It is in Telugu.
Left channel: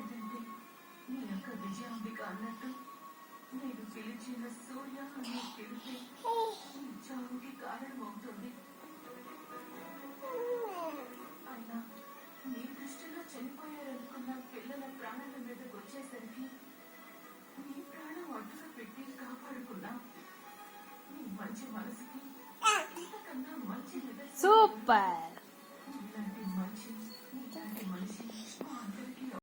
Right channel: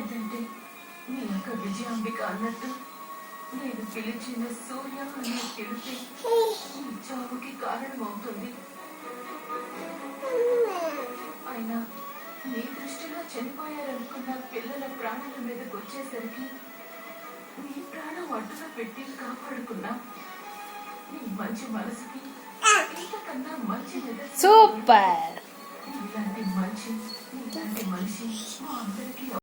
లేదంటే మీ యొక్క విజయాంబిక అన్నట్టు నేను పిలిచిన సూర్య అనే పిలిపి ఈ చావుకి కారణమవుతుంది. అయినా మీ దృష్టిలో చనిపోయారనుకున్న పిల్లల ప్రాణాల మీదకి వచ్చేసరికి మీ ప్రాణం అడ్డున పెట్టి కాపాడుకున్నా. నీ మంచి మనసుకి ఇంతకన్నా మంచి సూపర్. ఇలాంటి మంచి ఇలాంటి మనిషి మా అందరికీ